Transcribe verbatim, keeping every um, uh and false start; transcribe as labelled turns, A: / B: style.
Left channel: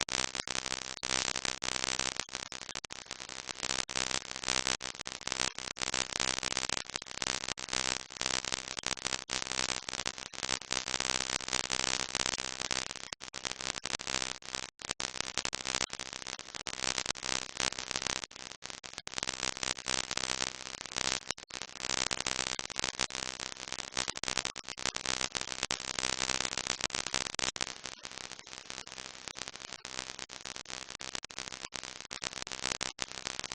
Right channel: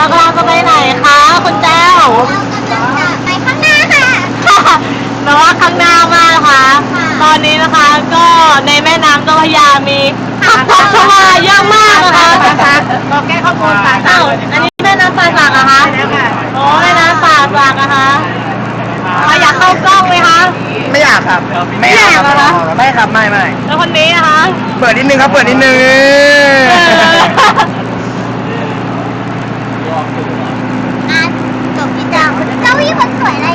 A: กำลังจะไปไหนคะคุณแจ้ว
B: เรากำลังจะไปข้างหน้าค่ะ
A: แต่ว่าข้างหน้ามากนะคะ ตอนนี้นะคะก็ในแม่น้ำเจ้าพระยามีผักตบชวาเยอะมากนะคะ
C: บอกแก้ข้อมูลไป
A: อ้าวอันนี้แม่น้ำป่าสักเหรอคะโอ้แม่น้ำป่าสักนะคะอ่ะอยากเข้ากล้องไหมคะ
C: ไม่อยากครับ
A: ไม่อยากเหรอคะ
C: ไม่ครับไม่ไม่
A: แล้วคนนี้นะคะ
C: เปิดนิดนึงครับเปิดนิดนึง
A: เออ
B: อ่ะจบพี่เจ้าเจ้าพี่คนสวยนะ